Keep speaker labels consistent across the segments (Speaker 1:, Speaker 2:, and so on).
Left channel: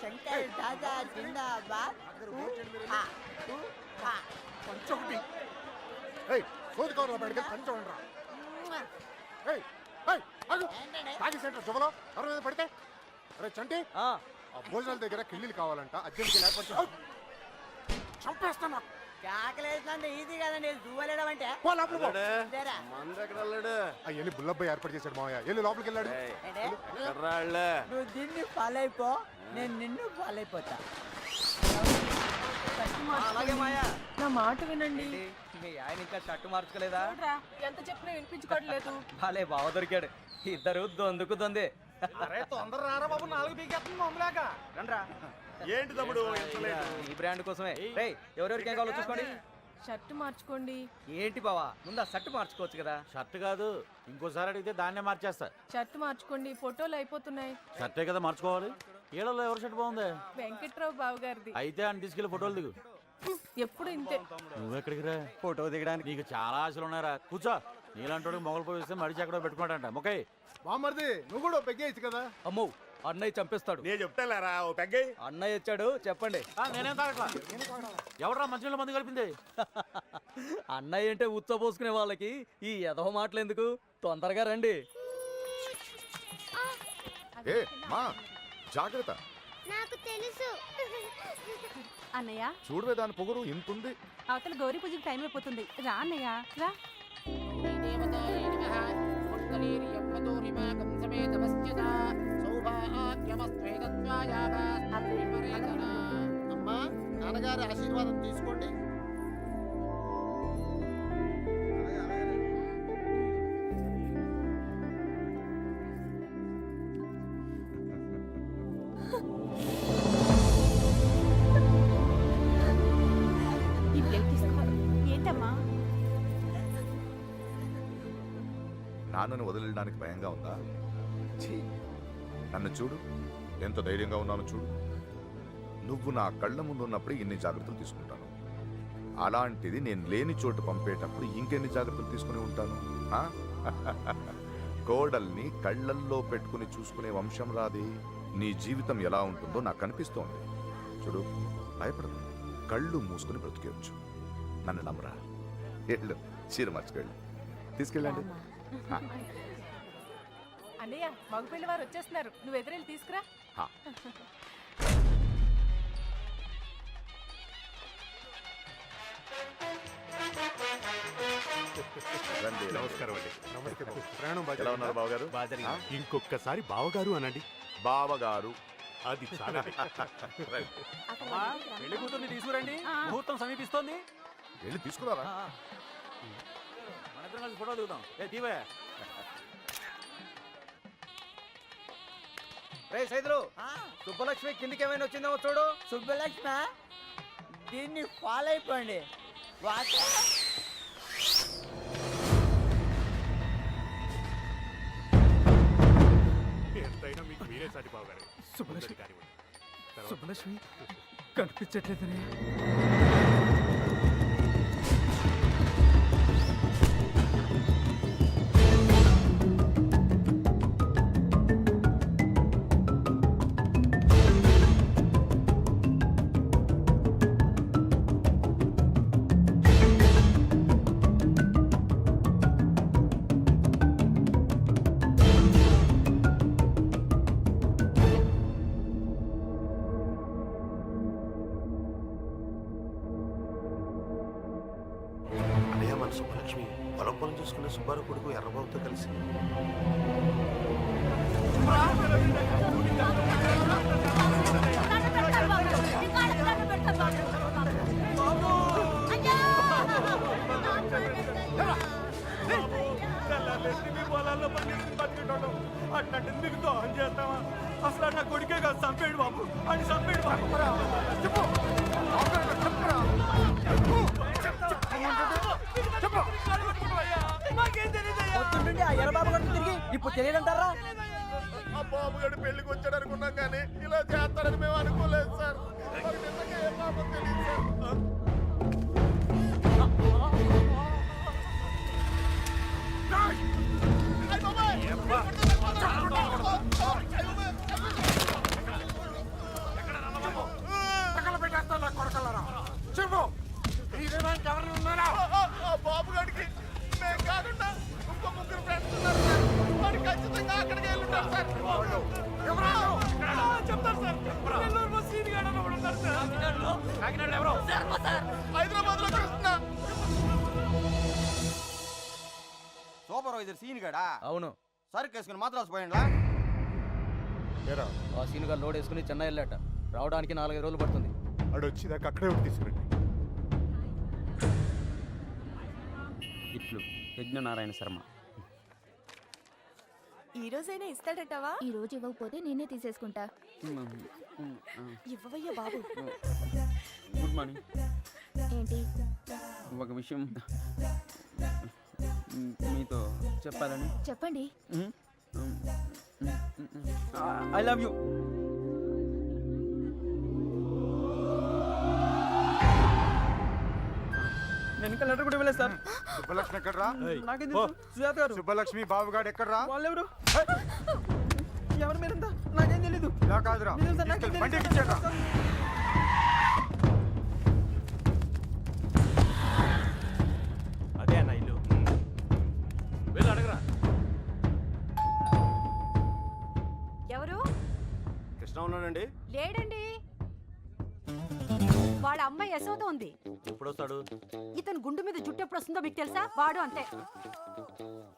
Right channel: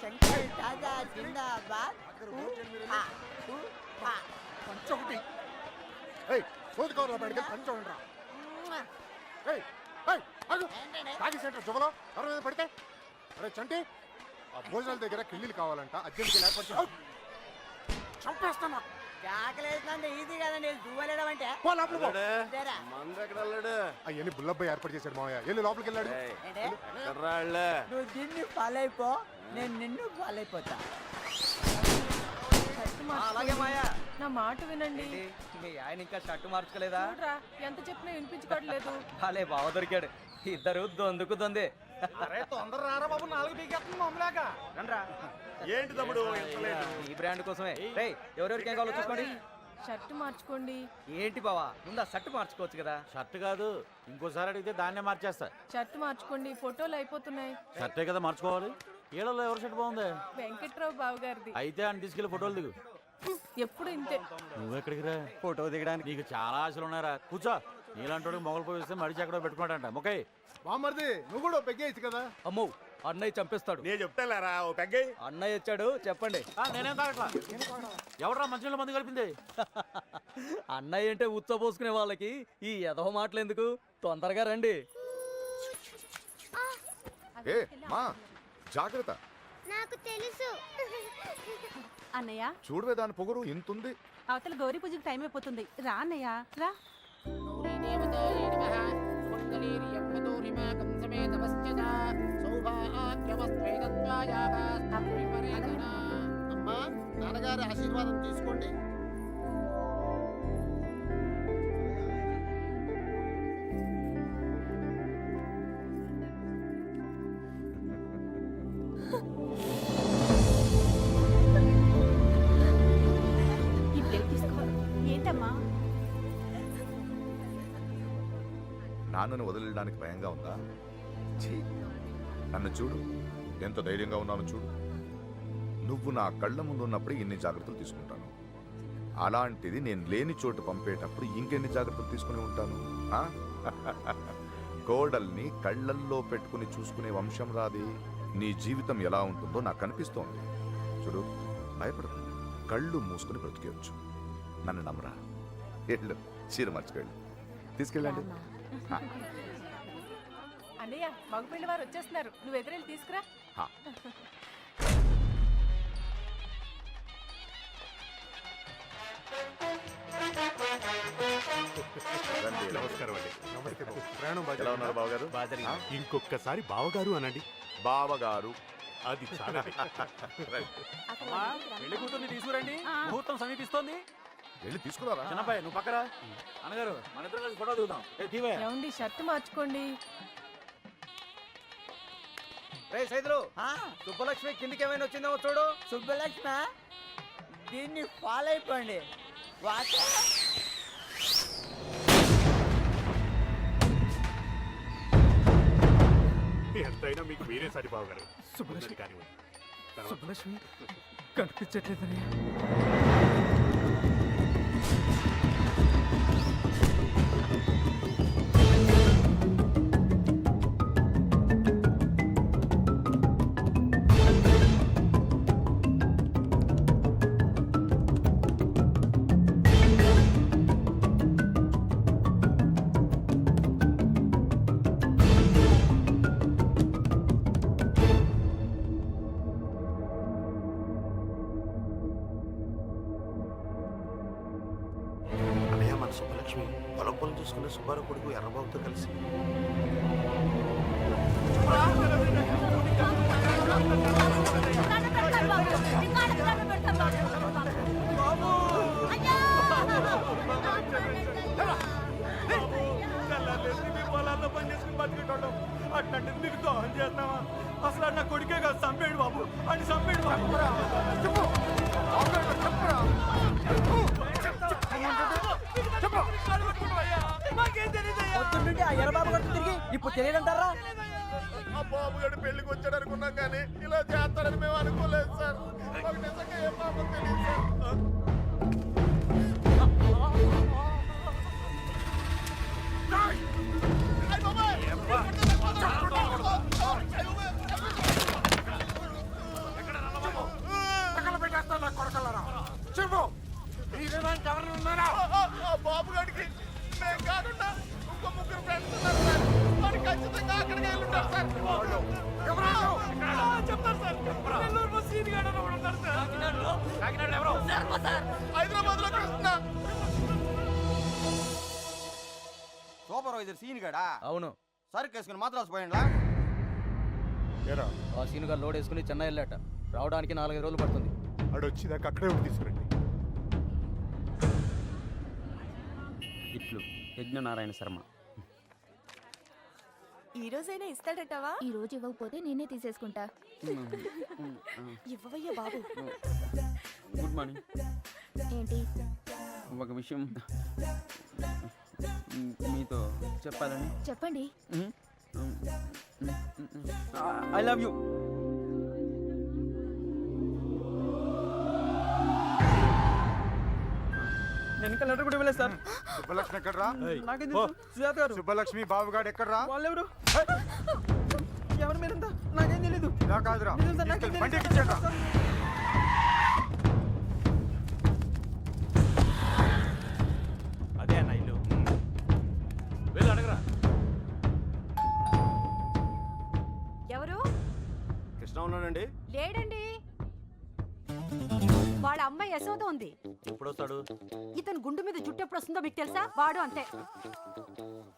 Speaker 1: శంకర్ దాదా జిందాబాద్.
Speaker 2: పెడితే జువలో ఎవరి మీద అరే చంటి. ఆ. భోజనాల దగ్గర కిళ్ళీలు కావాలంట. అర్జెంట్గా లేకపోతే! చంపేస్తాను
Speaker 1: ఈజీ కదండి అంటే?
Speaker 2: అవన్నీ బుల్లబ్బాయి ఏర్పాటు చేశాడు మావయ్య. వెళ్ళి లోపలికి వెళ్ళాడు.
Speaker 1: నువ్వు దీన్ని అయిపో. నేను నిన్ను ఫాలో అయిపోతా
Speaker 3: అలాగే మాయా.
Speaker 4: నా మాట వినండి.
Speaker 3: మీ ఆయన ఇంకా షర్టు మార్చుకోలేదా?
Speaker 4: చూడరా ఎంత చెప్పినా వినిపించుకోవట్లేదు.
Speaker 3: భలే బావ దొరికాడు. ఇద్దరు దొందుకు దొందే.
Speaker 5: అరే తొందర రారా బాబు నాలుగు పీకేస్తుంది మమ్మలాగా
Speaker 3: రండ్రా.
Speaker 6: ఏంటి తమ్ముడు లేటు?
Speaker 3: ఈ బ్రాండ్ కోసమే. రేయ్ ఎవరెవరికి ఏం కావాలో చూసుకోండి.
Speaker 4: షర్ట్ మార్చుకోండి.
Speaker 3: ఏంటి బావా ముందు ఆ షర్ట్ మార్చుకోవచ్చు కదా?
Speaker 7: షర్ట్ కాదు ఇంకోసారి అడిగితే దాన్నే మార్చేస్తా.
Speaker 4: షర్ట్ మార్చుకోండి ఫోటోలు అయిపోతున్నాయి.
Speaker 7: షర్టే కదా మార్చుకోవాలి. ఈళ్ళలో ఎవరి షర్ట్ బాగుంది?
Speaker 4: వెంకట్రావు బావ గారిది.
Speaker 7: అయితే అని తీసుకెళ్ళి ఫోటోలు దిగు.
Speaker 4: ఎప్పుడు ఇంతే.
Speaker 7: నువ్వెక్కడికి రా?
Speaker 3: ఫోటో దిగడానికి.
Speaker 7: నీకు చాలా ఆశలు ఉన్నారా కూర్చో. నీలాంటి మొగలు పోయిస్తే మడిచి ఎక్కడో పెట్టుకున్నాడంట ముఖై
Speaker 2: బామ్మర్ది నువ్వు కూడా పెగ్గేయచ్చు కదా?
Speaker 3: అమ్మో అన్నయ్య చంపేస్తాడు.
Speaker 6: నేను చెప్తాలేరా ఓ పెగ్గై?
Speaker 3: అన్నయ్య వచ్చాడు చెప్పండి.
Speaker 7: నేనేం తాగట్లా? ఎవడరా మంచిలో మంది కలిపింది?
Speaker 3: అన్నయ్య అంటే ఉచ్చబోసుకునే వాళ్ళకి ఈ ఎదవ మాటలు ఎందుకు? తొందరగా రండి.
Speaker 2: ఏ మా జాగ్రత్త.
Speaker 8: నాకు తెలుసు.
Speaker 9: అన్నయ్య.
Speaker 2: చూడవే దాని పొగరు ఇంతుంది.
Speaker 9: అవతల గౌరీ పూజకి టైం అయిపోతుంది. రా అన్నయ్య రా.
Speaker 5: అమ్మా నాన్నగారి ఆశీర్వాదం తీసుకోండి.
Speaker 10: నాన్నను వదిలేయడానికి భయంగా ఉందా? ఛీ! నన్ను చూడు. ఎంత ధైర్యంగా ఉన్నాను చూడు. నువ్వు నా కళ్ళ ముందు ఉన్నప్పుడు ఇన్ని జాగ్రత్తలు తీసుకుంటాను. అలాంటిది నేను లేని చోటు పంపేటప్పుడు ఇంకెన్ని జాగ్రత్తలు తీసుకుని ఉంటాను? కోడల్ని కళ్ళల్లో పెట్టుకుని చూసుకునే వంశం రాది. నీ జీవితం ఎలా ఉంటుందో నాకు అనిపిస్తోంది. చూడు భయపడదు కళ్ళు మూసుకుని బ్రతికేయచ్చు. నన్ను నమ్మరా? వెళ్ళు. చీర మర్చికెళ్ళు. తీసుకెళ్ళండి.
Speaker 4: అన్నయ్య మగపిల్లి వారు వచ్చేస్తున్నారు. నువ్వు ఎదురెళ్ళి తీసుకురా.
Speaker 10: రండి.
Speaker 2: నమస్కారం అండి. నమస్తే బాబు. ప్రయాణం బాగా
Speaker 10: ఎలా ఉన్నారు బావగారు? ఆ?
Speaker 2: ఇంకొకసారి బావగారు అనండి.
Speaker 10: బావగారు.
Speaker 2: అది చాలా.
Speaker 7: పెళ్ళి కూతుర్ని తీసుకురండి. ముహూర్తం సమీపిస్తోంది.
Speaker 10: వెళ్ళి తీసుకురారా?
Speaker 7: నువ్వు పక్కరా? అన్నగారు మన ఇద్దరం కలిసి ఫోటో దిగుదాం. ఏ దీవే
Speaker 4: ఏమండి షర్ట్ మార్చుకోండి.
Speaker 3: రే సైదులు సుబ్బలక్ష్మి కిందికి ఏమైనా వచ్చిందేమో చూడు.
Speaker 1: సుబ్బలక్ష్మ? దీన్ని ఫాలో అయిపోండి. వాచ్.
Speaker 2: ఎంతైనా మీకు మీరే సరి బావగారు
Speaker 5: సుబ్బలక్ష్మి.
Speaker 2: కానివ్వండి.
Speaker 5: సుబ్బలక్ష్మి కనిపించట్లేదనయ్య
Speaker 11: ఎర్రబాబుతో కలిసి.
Speaker 5: పొలాల్లో పని చేసుకుని బతికేటోళ్ళం అట్లాంటిది మీకు దోహం చేస్తావా? అసలు నా కొడుకే కాదు చంపేడు బాబు. అని చంపేడు బాబు.
Speaker 2: చెప్పు. చెప్పురా
Speaker 3: ఇప్పుడు తెలియదంటారా?
Speaker 10: ఆ బాబుగాడు పెళ్ళికి వచ్చాడు అనుకున్నాం కానీ ఇలా చేస్తాడని మేము అనుకోలేదు సార్. మాకు నిజంగా ఏ పాపం
Speaker 1: సూపర్వైజర్ సీన్ గడా?
Speaker 3: అవును.
Speaker 1: సరుకు వేసుకుని మాత్రం పోయిండ్లా?
Speaker 2: ఏరా?
Speaker 3: ఆ సీనుగా లోడ్ వేసుకుని చెన్నై వెళ్ళాట. రావడానికి నాలుగైదు రోజులు పడుతుంది.
Speaker 2: ఆడు వచ్చేదాకా అక్కడే ఉండి తీసుకురండి.
Speaker 12: ఇట్లు యజ్ఞనారాయణ శర్మ.
Speaker 4: ఈ రోజైనా ఇస్తాడటవా?
Speaker 11: ఈ రోజు ఇవ్వకపోతే నేనే తీసేసుకుంటా.
Speaker 4: ఇవ్వవయ్యా బాబు.
Speaker 12: Good morning.
Speaker 11: ఏంటి?
Speaker 12: ఒక విషయం మీతో చెప్పాలని.
Speaker 11: చెప్పండి.
Speaker 12: ఐ లవ్ యూ నేను ఇంకా లెటర్ కూడా ఇవ్వలేదు సార్.
Speaker 2: సుబ్బలక్ష్మి ఎక్కడ్రా?
Speaker 12: నాకేం తెలుసు. సుజాత గారు.
Speaker 2: సుబ్బలక్ష్మి బాబుగాడు ఎక్కడ్రా?
Speaker 12: వాళ్ళెవరు? ఎవరు మీరంతా నాకేం తెలీదు.
Speaker 2: ఇలా కాదురా.
Speaker 12: నిజం సార్, నాకేం
Speaker 2: తీసుకెళ్ళి.
Speaker 12: సార్.
Speaker 13: అదే అన్న ఇల్లు.
Speaker 7: వెళ్ళి అడగరా.
Speaker 11: ఎవరు?
Speaker 14: కృష్ణ ఉన్నాడండి.
Speaker 11: అమ్మాయి యశోద ఉంది.
Speaker 7: ఎప్పుడు వస్తాడు
Speaker 11: ఇతను గుండు మీద జుట్టు ఎప్పుడు వస్తుందో మీకు తెలుసా? వాడు అంతే.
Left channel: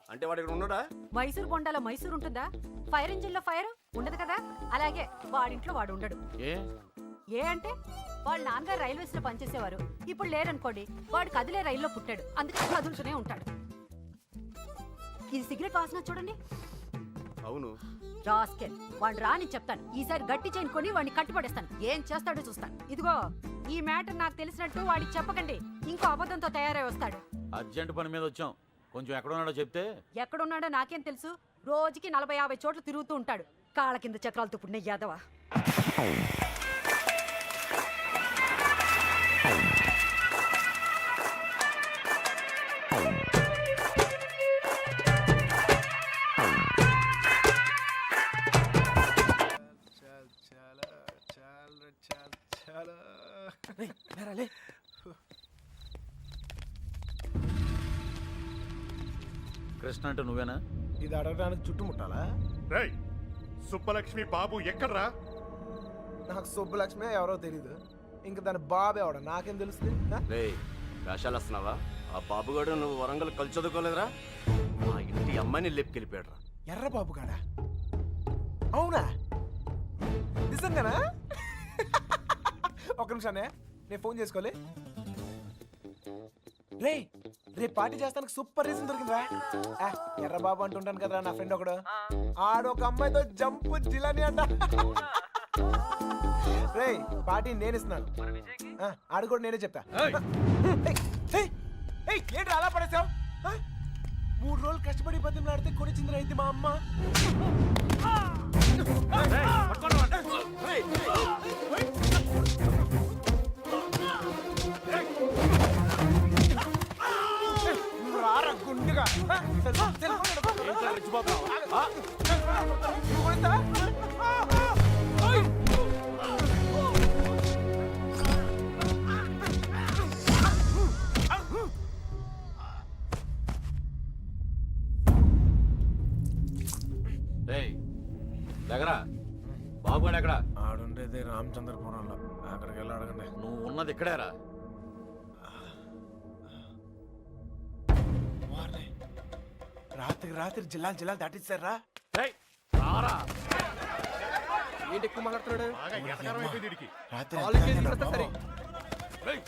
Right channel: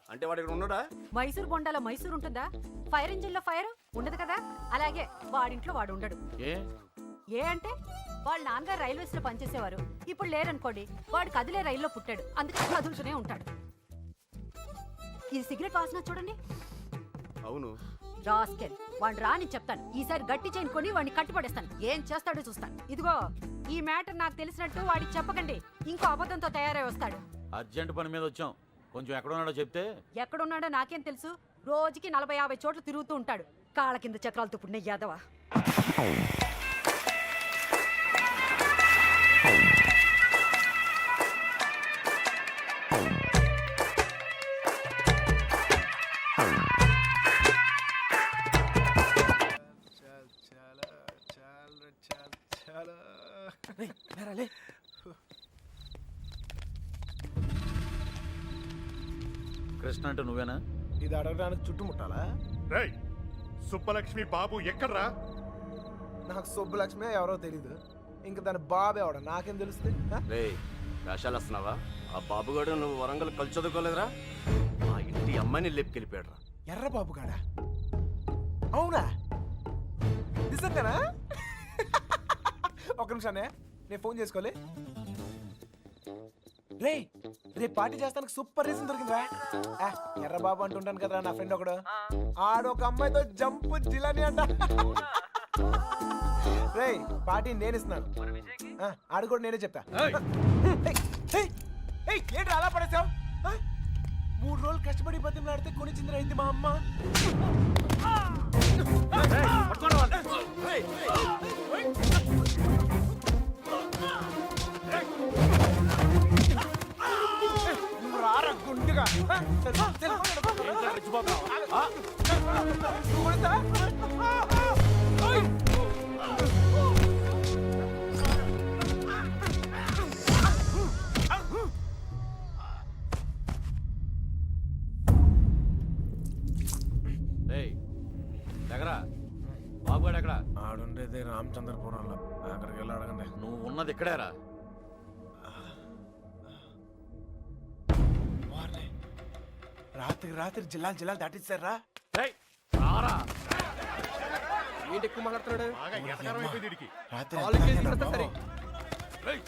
Speaker 14: అంటే వాడు ఇక్కడ ఉన్నాడా?
Speaker 11: మైసూర్ బొండాలో మైసూర్ ఉంటుందా? ఫైర్ ఇంజిన్లో ఫైర్ ఉండదు కదా? అలాగే వాడింట్లో వాడు ఉండడు.
Speaker 7: ఏ?
Speaker 11: ఏ అంటే వాళ్ళ నాన్నగారు రైల్వేస్లో పనిచేసేవారు. ఇప్పుడు లేరనుకోండి వాడు కదిలే రైల్లో పుట్టాడు. అందుకే కదులుతూనే ఉంటాడు. ఇది సిగరెట్ వాసన చూడండి.
Speaker 14: అవును.
Speaker 11: రాస్కెల్. వాడు రాని చెప్తాను. ఈసారి గట్టి చైన్ కొని వాడిని కట్టుపడేస్తాను. ఏం చేస్తాడో చూస్తాను. ఇదిగో ఈ మ్యాటర్ నాకు తెలిసినట్టు వాడికి చెప్పకండి. ఇంకో అబద్ధంతో తయారై వస్తాడు.
Speaker 7: అర్జెంట్ పని మీద వచ్చాం. కొంచెం ఎక్కడ ఉన్నాడో చెప్తే?
Speaker 11: ఎక్కడున్నాడో నాకేం తెలుసు. రోజుకి నలభై యాభై చోట్ల తిరుగుతూ ఉంటాడు. కాళ్ళ కింద చక్రాలతో పుట్టిన యాదవ.
Speaker 7: కృష్ణ అంటే నువ్వేనా?
Speaker 13: ఇది అడగడానికి చుట్టుముట్టాలా?
Speaker 2: రేయ్ సుబ్బలక్ష్మి బాబు ఎక్కడ్రా?
Speaker 13: నాకు సుబ్బలక్ష్మి ఎవరో తెలీదు. ఇంక దాని బాబు ఎవడ? నాకేం తెలుస్తుంది?
Speaker 14: రే వేషాలు వస్తున్నావా? ఆ బాబుగాడు నువ్వు వరంగల్ కలిసి చదువుకోలేదురా? ఆ ఇంటి అమ్మాయిని లేపుకెళ్ళిపోయాడు రా
Speaker 13: ఎర్ర బాబు కాడా అవునా? నిజంగానా? ఒక నిమిషానే నేను ఫోన్ చేసుకోలే రే రేపు పార్టీ చేస్తానికి సూపర్ రీజన్ దొరికిందిరా ఎర్ర బాబు అంటుంటాను కదరా నా ఫ్రెండ్ ఒకడు ఆడు ఒక అమ్మాయితో జంపు జిలాని అంట రే పార్టీ నేను ఇస్తున్నాను ఆడు కూడా నేనే చెప్పా ఏంటి అలా పడేసావు మూడు రోజులు కష్టపడి బతిమలాడితే కొనిచ్చింది రైతు మా అమ్మ నువ్వు
Speaker 7: రేయ్ దగ్గర బాబుగాడు ఎక్కడ?
Speaker 13: ఆడుండేది రామచంద్రపురంలో. అక్కడికి వెళ్ళి అడగండి.
Speaker 7: నువ్వు ఉన్నది ఇక్కడేరా.
Speaker 13: రాత్రికి రాత్రి జిల్లాలు జిల్లాలు దాటిస్తారా ఏంటి ఎక్కువ మాట్లాడుతున్నాడు?
Speaker 2: బాగా ఎటకారం అయిపోయింది వీడికి.
Speaker 13: రాత్రి
Speaker 14: రేయ్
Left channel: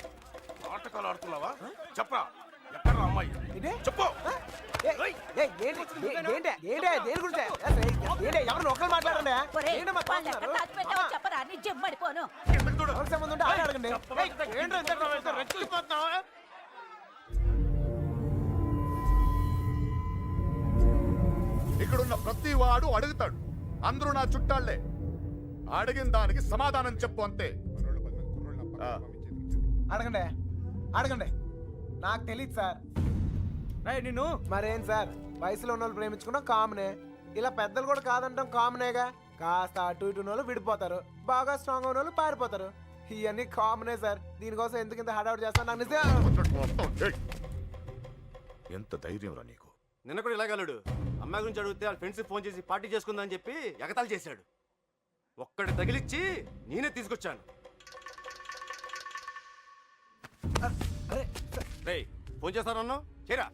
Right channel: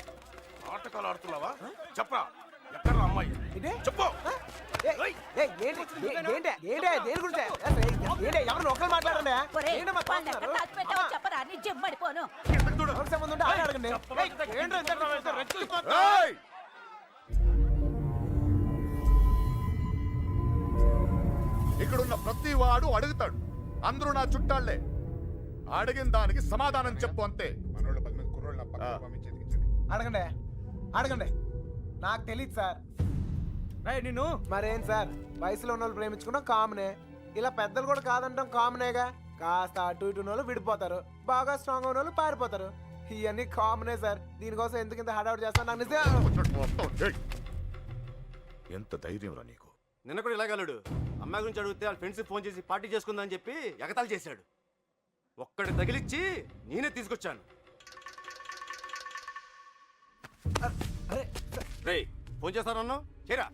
Speaker 14: ఆడుతున్నావా? చెప్పరా. ఎక్కడ అమ్మాయి? చెప్పు.
Speaker 13: ఒకరు మాట్లాడండి ఏంటమ్మా తాగుతున్నారు?
Speaker 11: చెప్పరా నీ జమ్మడిపోను
Speaker 13: ఎవరికి సంబంధం ఉంటే ఆయన అడగండి. ఏయ్, ఏంట్రా ఇంత ఇంత రెచ్చిపోతా?
Speaker 2: ఏయ్! ఇక్కడున్న ప్రతి వాడు అడుగుతాడు. అందరూ నా చుట్టాళ్ళే అడిగిన దానికి సమాధానం చెప్పు అంతే.
Speaker 13: అడగండి. అడగండి. నాకు తెలియదు సార్.
Speaker 12: నిన్ను?
Speaker 13: మరేం సార్? వయసులో ఉన్న వాళ్ళు ప్రేమించుకున్నా కామనే. ఇలా పెద్దలు కూడా కాదంటాం కామనేగా. కాస్త అటు ఇటు ఉన్న వాళ్ళు విడిపోతారు. బాగా స్ట్రాంగ్ ఉన్న వాళ్ళు పారిపోతారు. ఇవన్నీ కామనే సార్. దీనికోసం ఎందుకు ఇంత హడావుడి చేస్తాను? నాకు నిజం!
Speaker 10: ఎంత ధైర్యం రా నీకు.
Speaker 14: నిన్న కూడా ఇలాగలడు అమ్మాయి గురించి అడిగితే వాళ్ళ ఫ్రెండ్స్ ఫోన్ చేసి పార్టీ చేసుకుందని చెప్పి ఎగతాళి చేశాడు. ఒక్కడి తగిలిచ్చి నేనే తీసుకొచ్చాను. రేయ్ ఫోన్ చేస్తానన్నా చేయరా?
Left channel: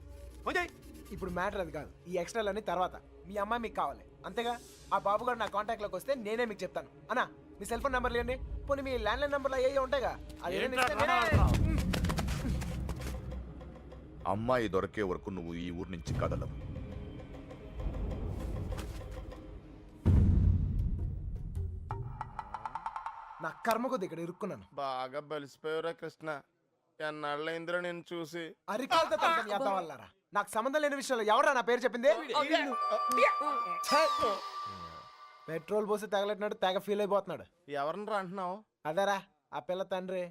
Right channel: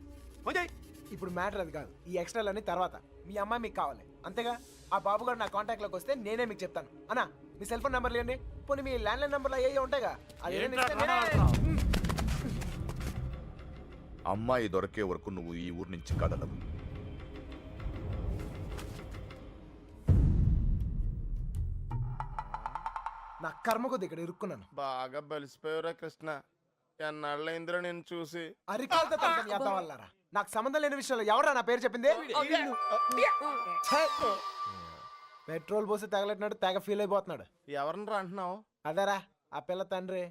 Speaker 14: ఫోన్ చేయి.
Speaker 13: ఇప్పుడు మ్యాటర్ అది కాదు. ఈ ఎక్స్ట్రాలన్నీ తర్వాత. మీ అమ్మాయి మీకు కావాలి. అంతేగా? ఆ బాబు గారు నా కాంటాక్ట్లోకి వస్తే నేనే మీకు చెప్తాను. అన్నా మీ సెల్ ఫోన్ నెంబర్లు ఇవ్వండి పోనీ మీ ల్యాండ్లైన్ నెంబర్లు అయ్యే ఉంటాయిగా? అది
Speaker 10: అమ్మాయి దొరికే వరకు నువ్వు ఈ ఊరు నుంచి కదలవు.
Speaker 13: నా కర్మ కొద్ది ఇక్కడ ఇరుక్కున్నాను.
Speaker 6: బాగా బలిసిపోయారా కృష్ణ. ఎన్నాళ్ళైందిరా నేను చూసి?
Speaker 13: అరికాలతో తంతం చేద్దాం వల్లారా నాకు సంబంధం లేని విషయంలో ఎవరా నా పేరు చెప్పింది? ఛే! పెట్రోల్ పోసి తగలెట్టినట్టు తెగ ఫీల్ అయిపోతున్నాడు.
Speaker 6: ఎవరిని అంటున్నావు?
Speaker 13: అదేరా ఆ పిల్ల తండ్రి.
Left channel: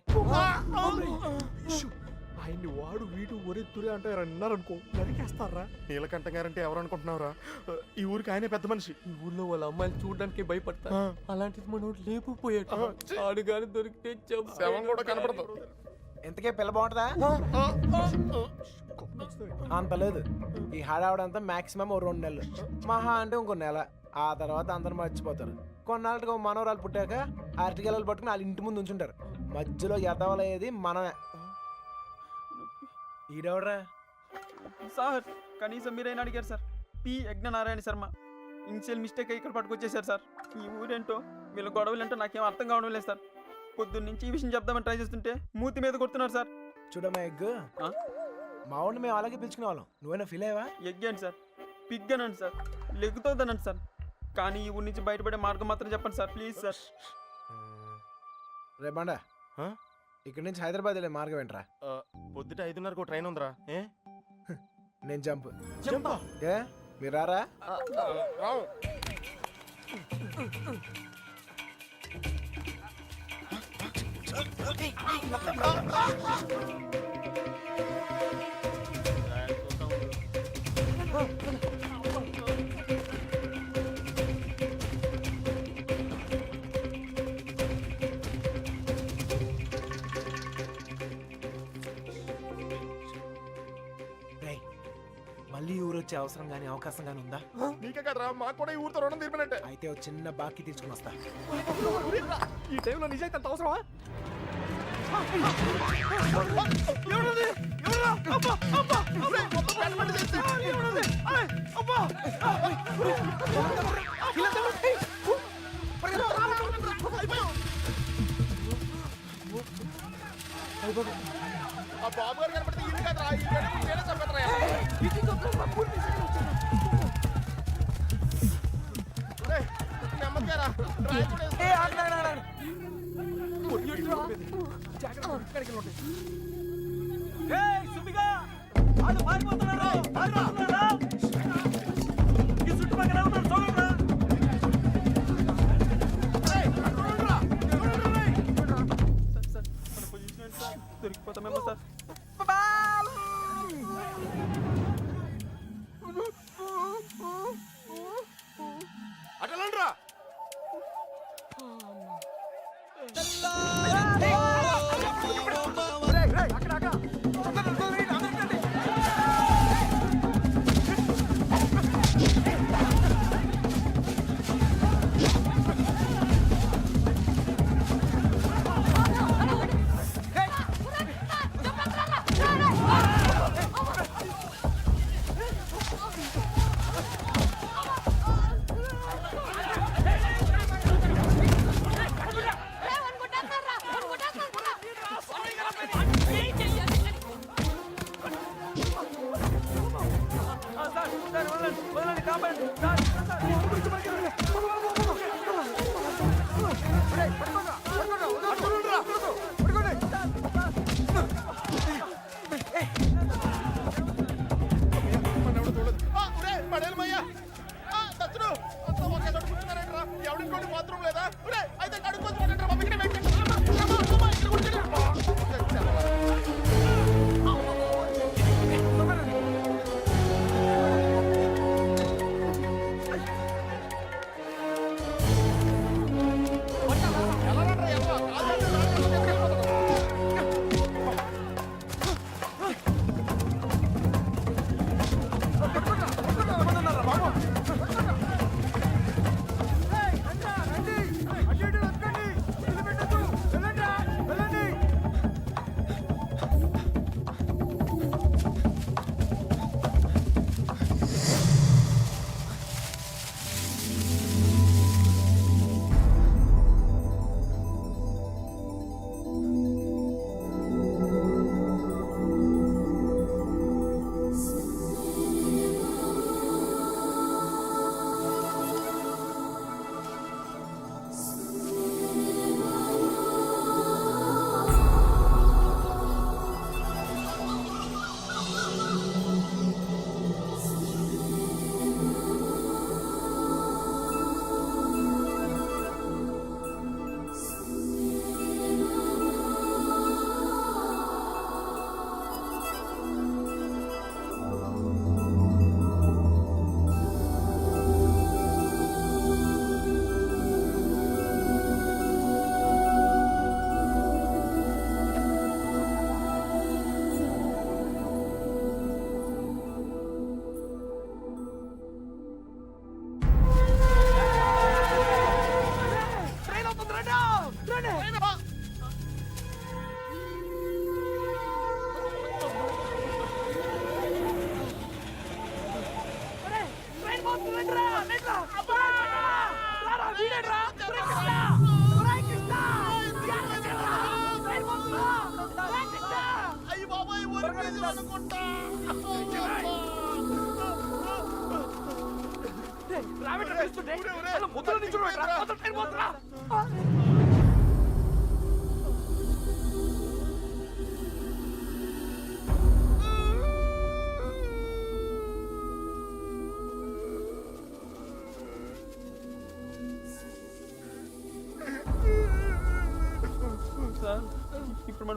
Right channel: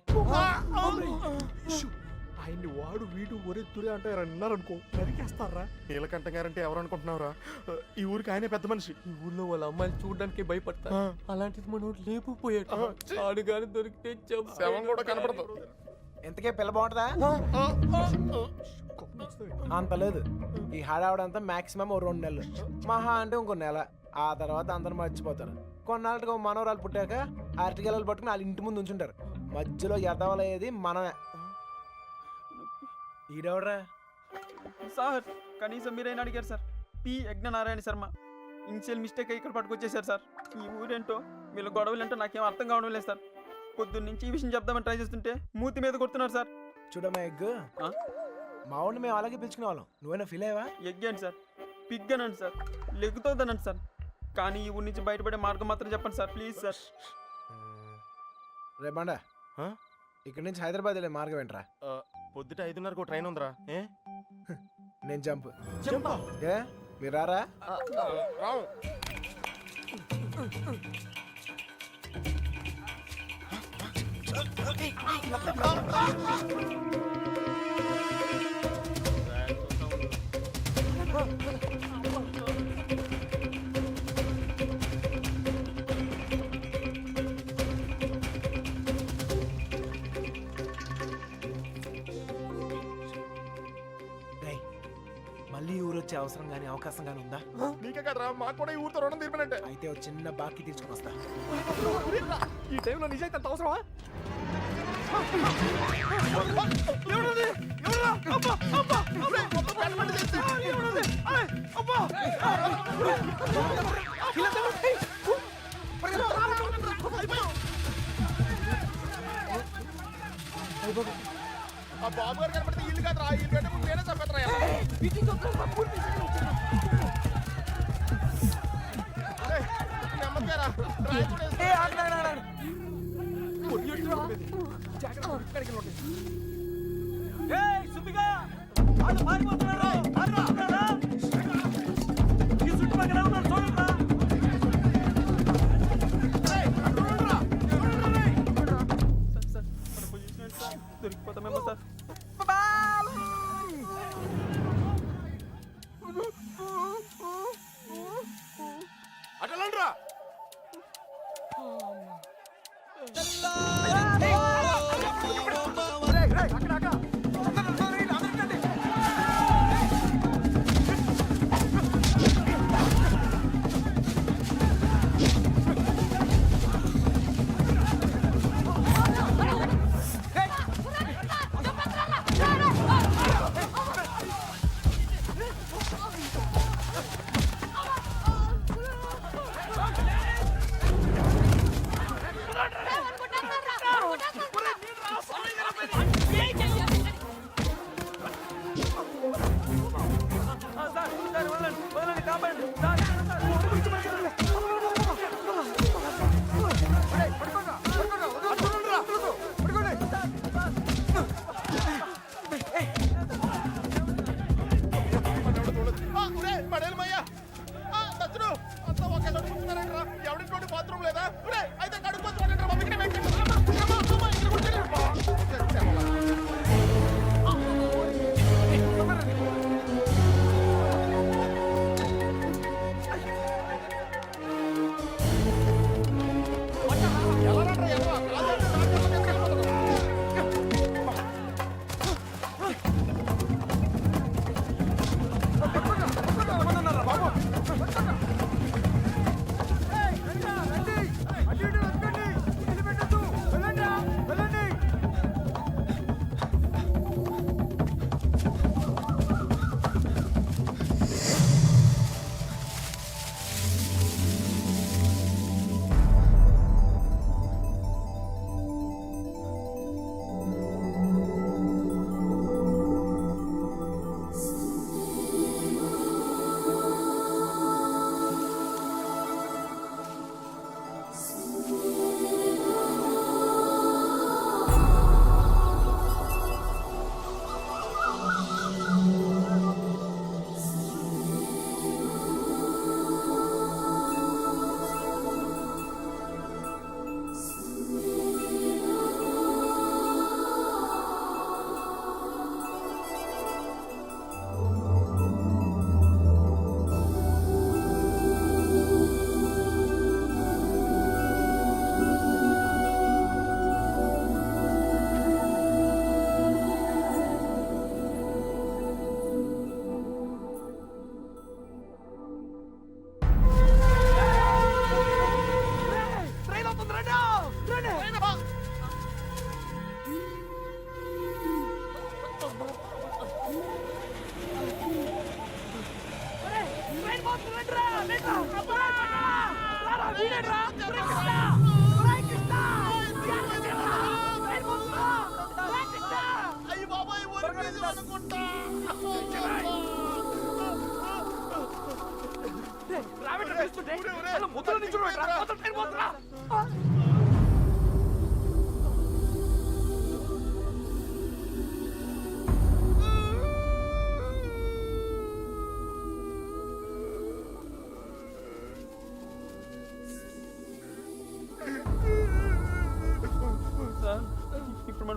Speaker 6: ఆయన్ని వాడు వీడు ఒరే తురే అంటే అన్నారనుకో నరికేస్తారా? నీలకంఠ గారంటే ఎవరు అనుకుంటున్నావురా ఈ ఊరికి ఆయనే పెద్ద మనిషి.
Speaker 12: ఈ ఊర్లో వాళ్ళ అమ్మాయిలు చూడడానికి భయపడతారు. అలాంటిది మనోడు లేపుపోయాడు ఆడు గాని దొరికితే
Speaker 6: శవం కూడా కనపడదు.
Speaker 13: ఎంతకే పిల్ల బాగుంటుందా? అంత లేదు. ఈ హడావుడంతా మాక్సిమం ఓ రెండు నెలలు. మహా అంటే ఇంకో నెల. ఆ తర్వాత అందరు మర్చిపోతారు. కొన్నాళ్ళకి మనవరాలు పుట్టాక అరటిగెలలు పట్టుకుని వాళ్ళ ఇంటి ముందు ఉంచుంటారు. మధ్యలో ఎదవలయ్యేది మనమే. ఈడెవడ్రా?
Speaker 12: సార్ కనీసం మీరైనా అడిగారు sir. P. Yajnanarayana Sharma. Initial mistake ఇక్కడ పట్టుకొచ్చేసారు సార్. ఈ ఊరేంటో వీళ్ళ గొడవలు ఏంటో నాకేం అర్థం కావడం లేదు సార్. పొద్దున్న నుంచి ఈ విషయం చెప్దామని ట్రై చేస్తుంటే మూతి మీద కొడుతున్నారు సార్.
Speaker 13: చూడమ్మా ఎగ్
Speaker 12: ఆ?
Speaker 13: మా ఊడిని మేము అలాగే పిలుచుకునే వాళ్ళం. నువ్వైనా ఫీల్ అయ్యవా?
Speaker 12: ఎగ్గాను సార్. పిగ్గనండి సార్. లెగ్గుతోందనండి సార్. కానీ ఈ ఊరి నుంచి బయటపడే మార్గం మాత్రం చెప్పండి సార్. Please sir.
Speaker 13: రేపండా? ఇక్కడి నుంచి హైదరాబాద్ వెళ్ళే మార్గం ఏంట్రా?
Speaker 6: పొద్దుట ఐదున్నరకు ట్రైన్ ఉందిరా. ఏ?
Speaker 13: నేను జంప్.
Speaker 6: చెంపా
Speaker 13: ఏ? మీరు రారా?
Speaker 6: రావు.
Speaker 13: రేయ్ మళ్ళీ ఊరు వచ్చే అవసరం కానీ అవకాశం కానీ ఉందా
Speaker 6: నీకే కదరా మాకు కూడా ఈ ఊరితో రుణం తీర్పినంటే
Speaker 13: అయితే ఓ చిన్న బాకీ తీసుకుని వస్తా
Speaker 6: ఈ టైంలో నిజాయితీ అంత అవసరమా ఆ బాబు గారు కనపడితే ఇల్లు కదరా ఈ గడ్డ ముందు నేనే చంపేతరా.
Speaker 7: సుబ్బిగా వాళ్ళు పారిపోతున్నారు పారిపోతున్నారా ఈ చుట్టుపక్కల ఉన్నారు?
Speaker 12: సార్? దొరికిపోతామేమో సార్. ఆ, Muito obrigado.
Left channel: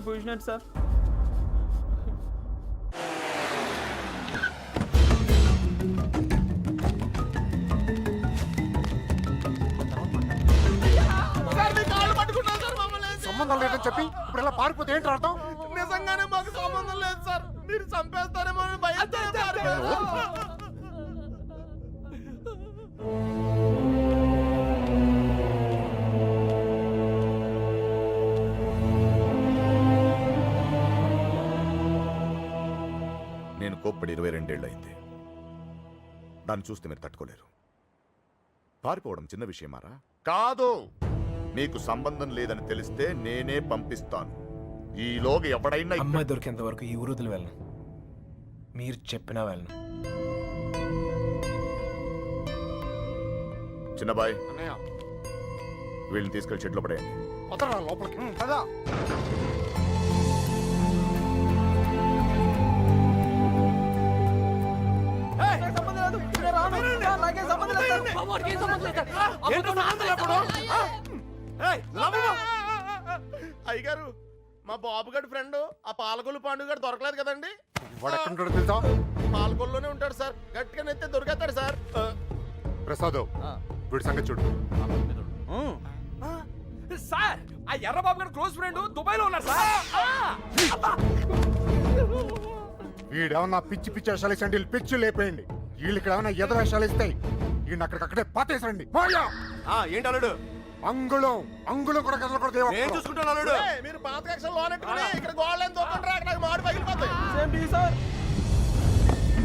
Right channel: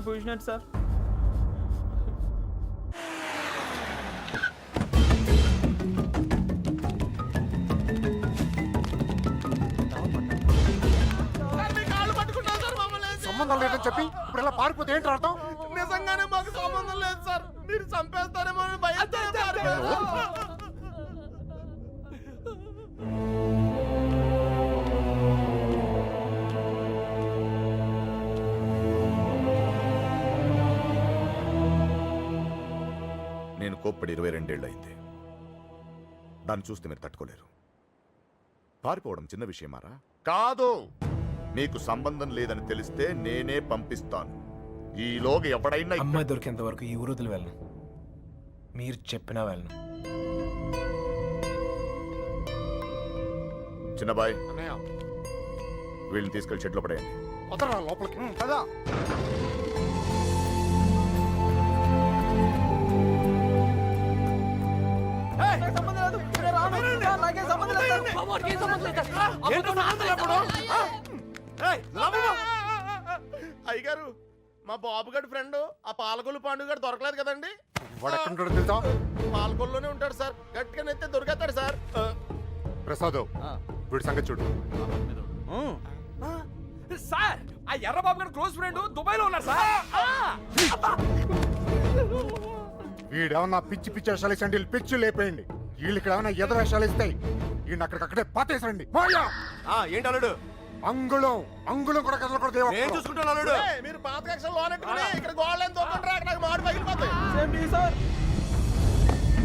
Speaker 12: పొజిషన్ ఏంటి సార్
Speaker 6: సార్ మీ కాళ్ళు పట్టుకున్నా సార్ మమ్మల్ని
Speaker 2: సంబంధం లేదని చెప్పి ఇప్పుడు ఇలా పారిపోతే ఏంటి అర్థం?
Speaker 6: నిజంగానే మాకు సంబంధం లేదు సార్. మీరు చంపేస్తారేమో అని
Speaker 10: కోప్పడి ఇరవై రెండేళ్ళు అయింది. దాన్ని చూస్తే మీరు తట్టుకోలేరు. పారిపోవడం చిన్న విషయమారా కాదు! నీకు సంబంధం లేదని తెలిస్తే నేనే పంపిస్తాను. ఈలోగా ఎవడైనా ఇక్కడ-
Speaker 13: అమ్మాయి దొరికేంత వరకు ఈ ఊరుదులు వెళ్ళను. మీరు చెప్పినా వెళ్ళను.
Speaker 10: చిన్నబాయ్
Speaker 2: అన్నయ్య.
Speaker 10: వీళ్ళని తీసుకెళ్ళి షెడ్లో పడేయండి.
Speaker 2: వదరా లోపలికి. కదా
Speaker 12: సంబంధం లేదు సార్.
Speaker 6: అయ్యగారు మా బాబు గడి ఫ్రెండ్ ఆ పాలకొల్లు పాండు గారు దొరకలేదు కదండి?
Speaker 2: వాడు తెలుసా?
Speaker 6: పాలకొల్లోనే ఉంటాడు సార్. గట్టిగా నెత్తే దొరికేస్తాడు సార్.
Speaker 2: ప్రసాద్
Speaker 3: ఆ.
Speaker 2: వీడి సంగతి చూడు.
Speaker 6: సార్ ఆ ఎర్రబాబు గారు క్లోజ్ ఫ్రెండ్ దుబాయ్లో ఉన్నారు సార్
Speaker 2: వీడేమన్నా పిచ్చి పిచ్చి వేషాలు ఇచ్చండి వీళ్ళు పిచ్చి లేపేయండి. వీళ్ళు ఇక్కడ ఏమైనా ఎదురు వేషాలు ఇస్తాయి వీడిని అక్కడికక్కడే పాతేసండి పోయా
Speaker 14: ఆ, ఏంటి అల్లుడు?
Speaker 2: అంగుళం అంగుళం కూడా కదలకూడదు
Speaker 14: నేను చూసుకుంటాను అల్లుడు.
Speaker 6: మీరు పాత కక్షలు లోనెట్టుకుని ఇక్కడ దొక్కండి అక్కడ నాకు మాడు పగిలిపోతాయి.
Speaker 12: Same tea sir.